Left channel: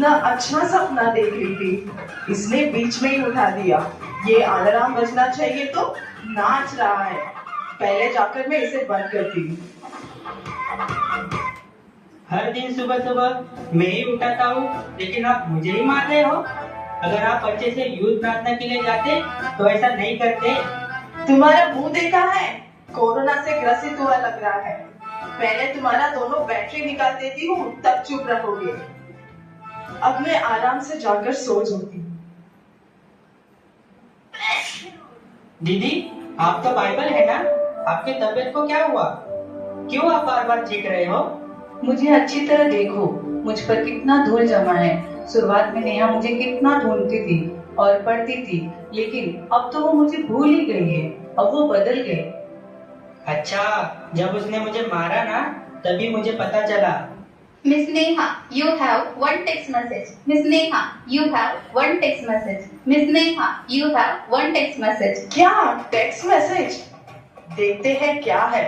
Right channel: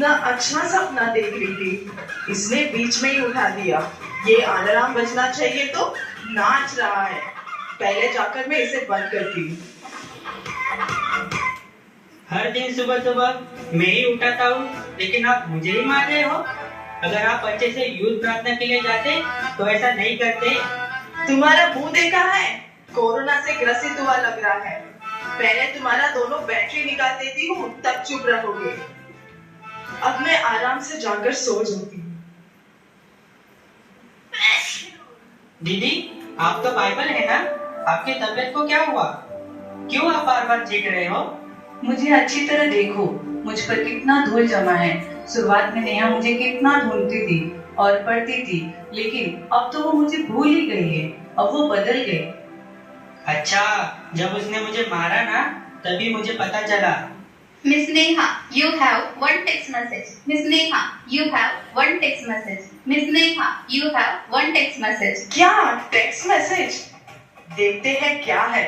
इतना अच्छा सपना देख रही थी, इसने बीच में ही उठा दिया। ये अलार्म बजना चाहिए तो नाच रहा है। पहले जाकर मैं इसे बंद करती हूँ। हर दिन सुबह सुबह मैं ही उठाता हूँ, लेकिन आप मुझे ही मार रहे हो। अगर आप अच्छे से यूथ प्रार्थना के लिए जाते तो ऐसा नहीं करते। तुम्हारा मुंह देखा है, कोरोना से ग्रसित हुआ लग रहा है। पहले तुम्हारा दोनों बैटरी निकाल देती हूँ, तब चुप रहोगे। अब मैं आराम से जाकर सो जाती हूँ। दीदी, आप तो बाइबल है ना? आपकी तबीयत को क्या हुआ? क्यों आप बार बार चीख रहे हो? मुझे अच्छी तरह देखो, मुझ पर कितना धूल जमा है। शुरुआत में नेहा मुझे कितना ढूंढती थी और पढ़ती थी, लेकिन अब तो वो मुझे भूल ही गई है। अब वो बदल गई। अच्छा, जब उसने मुझे मारा ना, तभी मुझे पता चला। Miss Neha, you have one text message. Miss Neha, you have one text message. Miss Neha, you have one text message. क्या टेक्स्ट मैसेज? देखते हैं क्या है।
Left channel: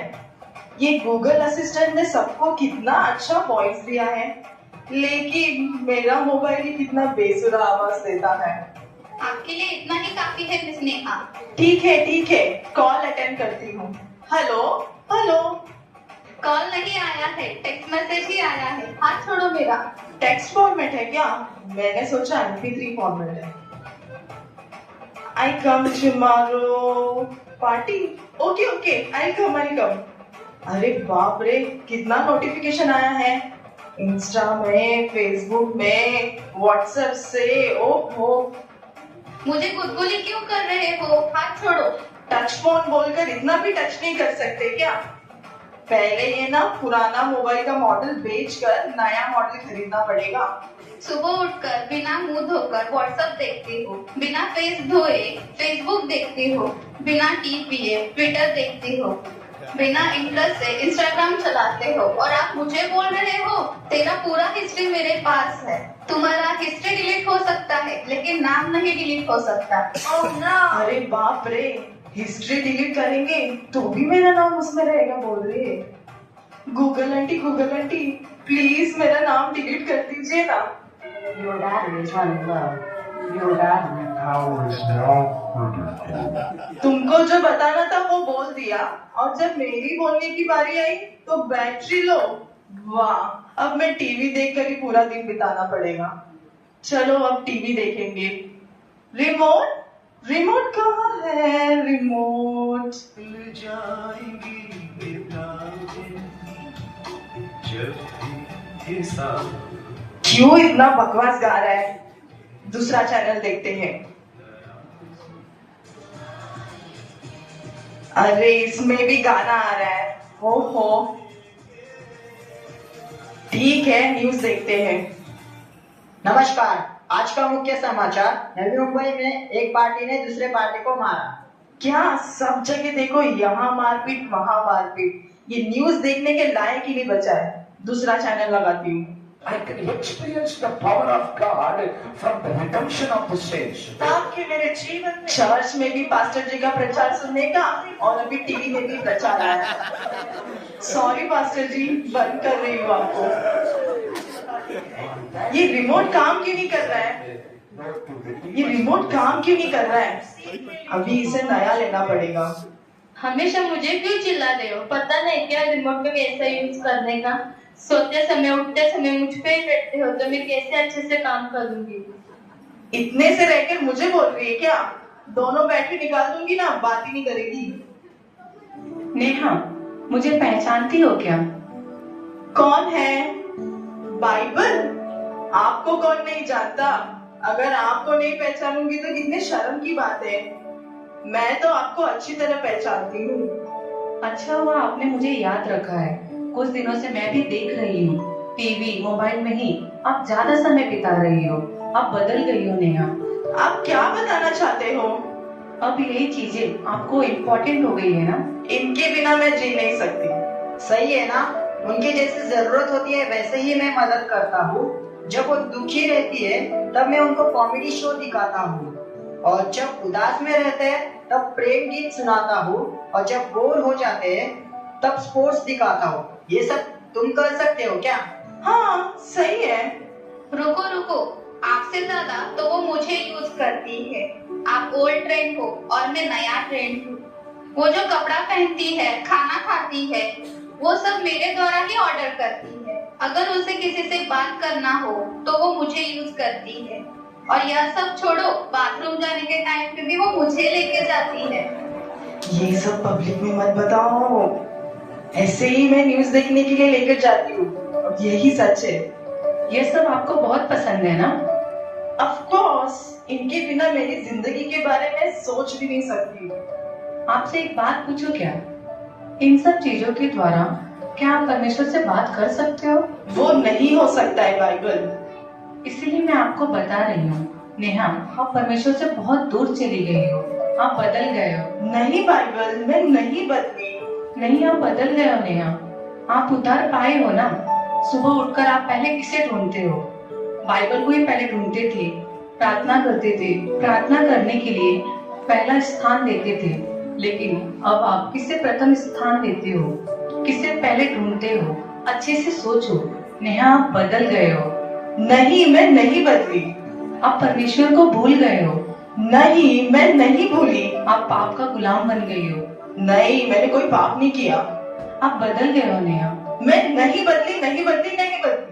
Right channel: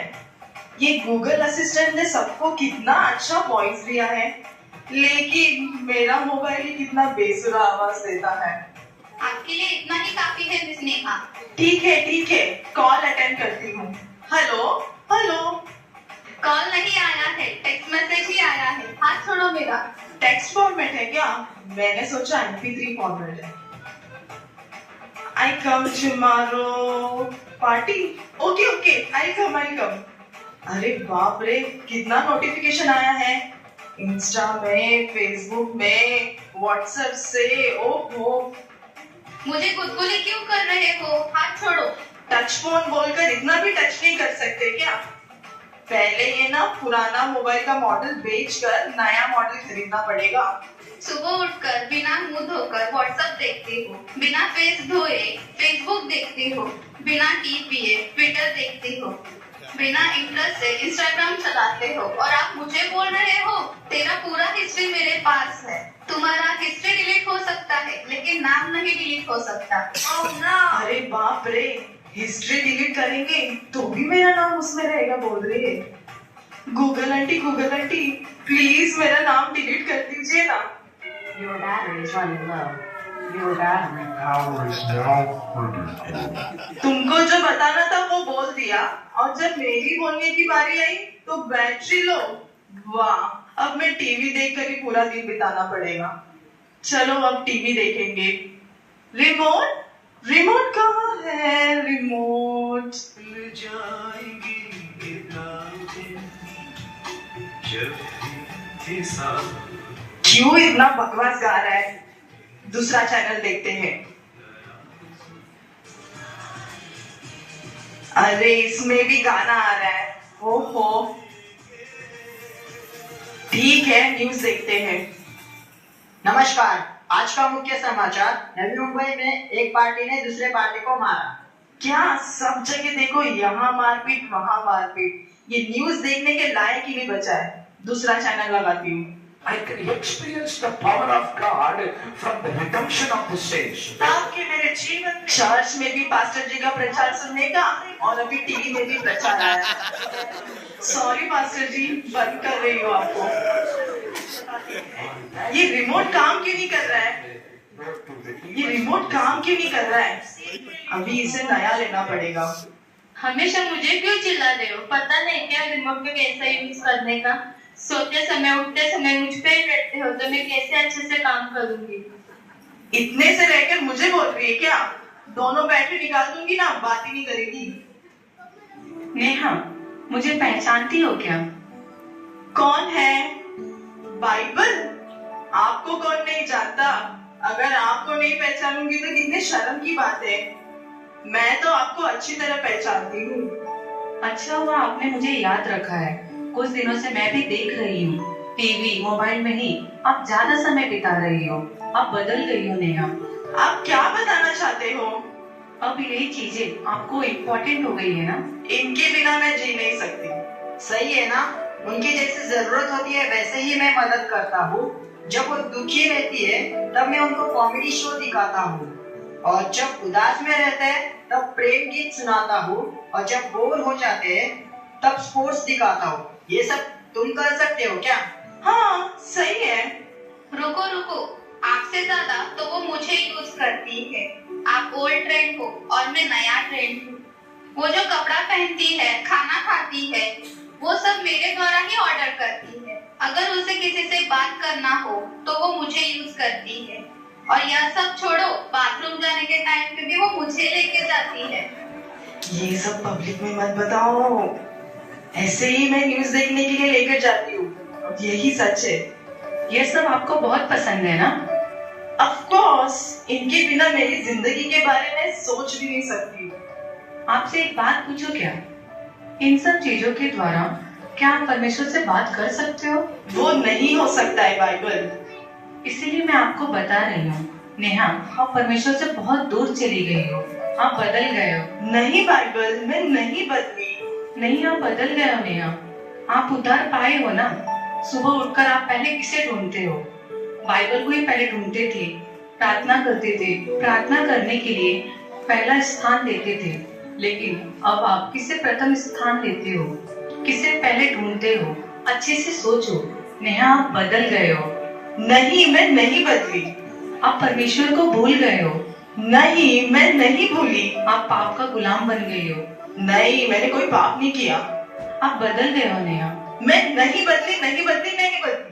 ये गूगल असिस्टेंट ने सबको कितना अच्छा वॉइस दिया है, लेकिन मेरा मोबाइल ही कितना बेसुरा आवाज देता है। आपके लिए इतना ही काफी है मिस नेहा। ठीक है, कॉल अटेंड करती हूँ। Hello hello. कॉल नहीं आया है, टेक्स्ट मैसेज ही आया है। हाथ छोड़ो मेरा। टेक्स्ट फॉर्मेट है क्या? मैंने सोचा MP3 फॉर्मेट है। I come tomorrow party. Okay I come. अरे बाप रे, कितना नोटिफिकेशन आया है। इंस्टा में, फेसबुक में, व्हाट्सएप से। ओहो, मुझे गुदगुली क्यों कर रहे हो? हाथ छोड़ो। टच फोन बोलकर इतना भी टच नहीं कर सकते क्या? पहले ये ना पुराना मोबाइल का मॉडल बेचकर नया मॉडल खरीदना पड़ेगा। सुबह उठकर बिना मुंह धोकर व्हाट्सएप देखती हो, बिना फेस धोए फेसबुक देखती हो, बिना टी पिए ट्विटर देखती हो, बिना इंटरेस्ट से इंस्टाग्राम चलाते हो, और आप मुझे बोल रहे हो तेरा पूरा हिस्ट्री मेरे पास है। तुम्हारा हिस्ट्री डिलीट हो सकता है, लेकिन नाम नहीं डिलीट हो सकता। Oh no! अरे बाप रे, हिस्ट्री डिलीट करेंगे तो भी मेरा नाम उसमें रहेगा बोल रही है। गूगल आंटी प्लीज मेरा नाम डिलीट कर दीजिए ना। Your battery is running low. Your battery power is now critical. तुमको जो बताना था वो बोल दिया, और जब मेरी बोलने की बारी आई तो बैटरी लो। वाह, अब मैं टीवी देखकर ही पूरा दिन बिताना पड़ेगा। चलो अब टीवी देखेंगे। रिमोट कहाँ है? रिमोट ले जाएंगी ये रातें, जब भी ये साथ। क्यों इतना बकवास गा रहा है? दूसरा चैनल देखते हैं। अरे इसमें भी गाना आ रहा है। ओहो, ठीक है, न्यूज देखते हैं। नमस्कार, आज का मुख्य समाचार। नवी मुंबई में एक पार्टी ने दूसरे पार्टी को मारा। क्या सब जगह देखो, यहाँ मारपीट वहाँ मारपीट। ये न्यूज देखने के लायक ही नहीं बचा है। दूसरा चैनल लगाती हूँ। I can experience the power of God from the redemption of the saints. आपके मेरे जीवन में चर्च में भी पास्टर जी का प्रचार सुनने का, और अभी टीवी में भी प्रचार आया। सॉरी पास्टर जी, बंद कर रही हूँ आपको। ये रिमोट काम क्यों नहीं कर रहा है? अभी इसे नया लेना पड़ेगा। हमेशा मुझे क्यों चिल्ला रहे हो? पता नहीं क्या रिमोट में कैसे यूज करने का? सोते समय उठते समय मुझ पे ही बैठते हो, तो मैं कैसे अच्छे से काम करूंगी? इतने से रहकर मुझे बोल रही है क्या? दोनों बैटरी निकाल दूंगी ना, बात ही नहीं करेगी। नेहा, मुझे पहचानती हो क्या? कौन है? बाइबल? आपको कौन नहीं जानता? अगर आपको नहीं पहचानूंगी तो कितने शर्म की बात है। मैं तो आपको अच्छी तरह पहचानती हूँ। अच्छा हुआ आपने मुझे याद रखा है। कुछ दिनों से मैं भी देख रही हूँ, टीवी मोबाइल में ही आप ज्यादा समय बिता रही हो। आप बदल गई हो नेहा। आप क्या बताना चाहते हो? अब यही चीजें आपको इम्पोर्टेंट हो गई है ना? इनके बिना मैं जी नहीं सकती। सही है ना? उनकी जैसी जरूरत होती है वैसे ही मैं मदद करता हूँ। जब वो दुखी रहती है तब मैं उनको कॉमेडी शो दिखाता हूँ, और जब उदास में रहते हैं तब प्रेम गीत सुनाता हूँ, और जब बोर हो जाते हैं तब स्पोर्ट्स दिखाता हूँ। ये सब तुम कर सकते हो क्या? हाँ, सही है। रुको रुको, आपसे ज्यादा तो वो मुझे यूज करती है। आप ओल्ड ट्रेंड हो और मैं नया ट्रेंड हूँ। वो जो कपड़ा पहनती है, खाना खाती है, वो सब मेरे द्वारा ही ऑर्डर करती है। अगर उसे किसी से बात करना हो तो वो मुझे यूज करती है। और यह सब छोड़ो, बाथरूम जाने के टाइम पे भी वो मुझे लेके जाती है। ये सब पब्लिक में मत बताओ। ऐसे ही मैं न्यूज देखने के लिए लेकर जाती हूँ और यही सच है। ये सब आपको बहुत पसंद है ना? ऑफ कोर्स, इनके बिना मेरी जिंदगी के बारे में सोच भी नहीं सकती। आपसे एक बात पूछूं क्या? इन सब चीजों के द्वारा क्या आप परमेश्वर से बात कर सकते हो? वो नहीं हो सकता है बाइबल। इसीलिए मैं आपको बता रही हूँ नेहा, आप परमेश्वर से बहुत दूर चली गई हो। आप बदल गए हो। नहीं बाइबल, मैं नहीं बदली। नहीं, आप बदल गए हो नेहा। आप उतार पाए हो ना। सुबह उठकर आप पहले किसे ढूंढते हो? बाइबल को ही पहले ढूंढते थे, प्रार्थना करते थे, प्रार्थना करने के लिए पहला स्थान देते थे। लेकिन अब आप किसे प्रथम स्थान देते हो? किसे पहले ढूंढते हो? अच्छे से सोचो नेहा, आप बदल गए हो। नहीं, मैं नहीं बदली। आप परमेश्वर को भूल गए हो। नहीं, मैं नहीं भूली। आप पाप का गुलाम बन गई हो। नहीं, मैंने कोई पाप नहीं किया। आप बदल गए हो नेहा। मैं नहीं बदली, नहीं बदली, नहीं बदली।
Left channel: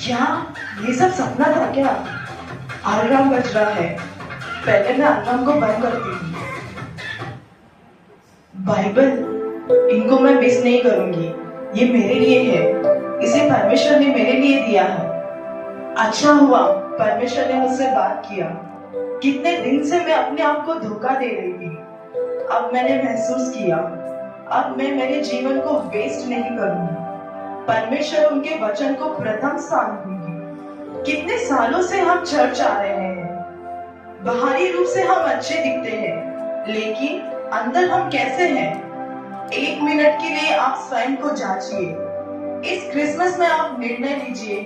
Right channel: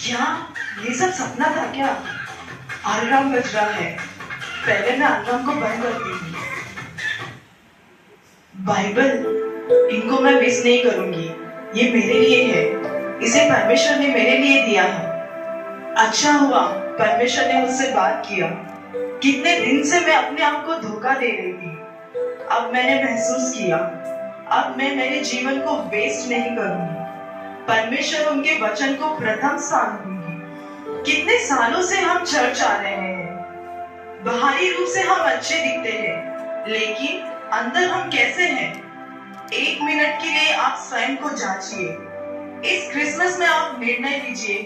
क्या ये सब सपना था क्या? अलार्म बज रहा है। पहले मैं अलार्म को बंद करती हूँ। बाइबल, इनको मैं मिस नहीं करूंगी। ये मेरे लिए है। इसे परमेश्वर ने मेरे लिए दिया है। अच्छा हुआ परमेश्वर ने मुझसे बात किया। कितने दिन से मैं अपने आप को धोखा दे रही थी। अब मैंने महसूस किया, अब मैं मेरे जीवन को वेस्ट नहीं करूंगी। परमेश्वर उनके वचन को प्रथम स्थान दूंगी। कितने सालों से हम चर्च आ रहे हैं। बाहरी रूप से हम अच्छे दिखते हैं, लेकिन अंदर हम कैसे हैं? 1 मिनट के लिए आप स्वयं को जांचिए। इस क्रिसमस में आप निर्णय लीजिए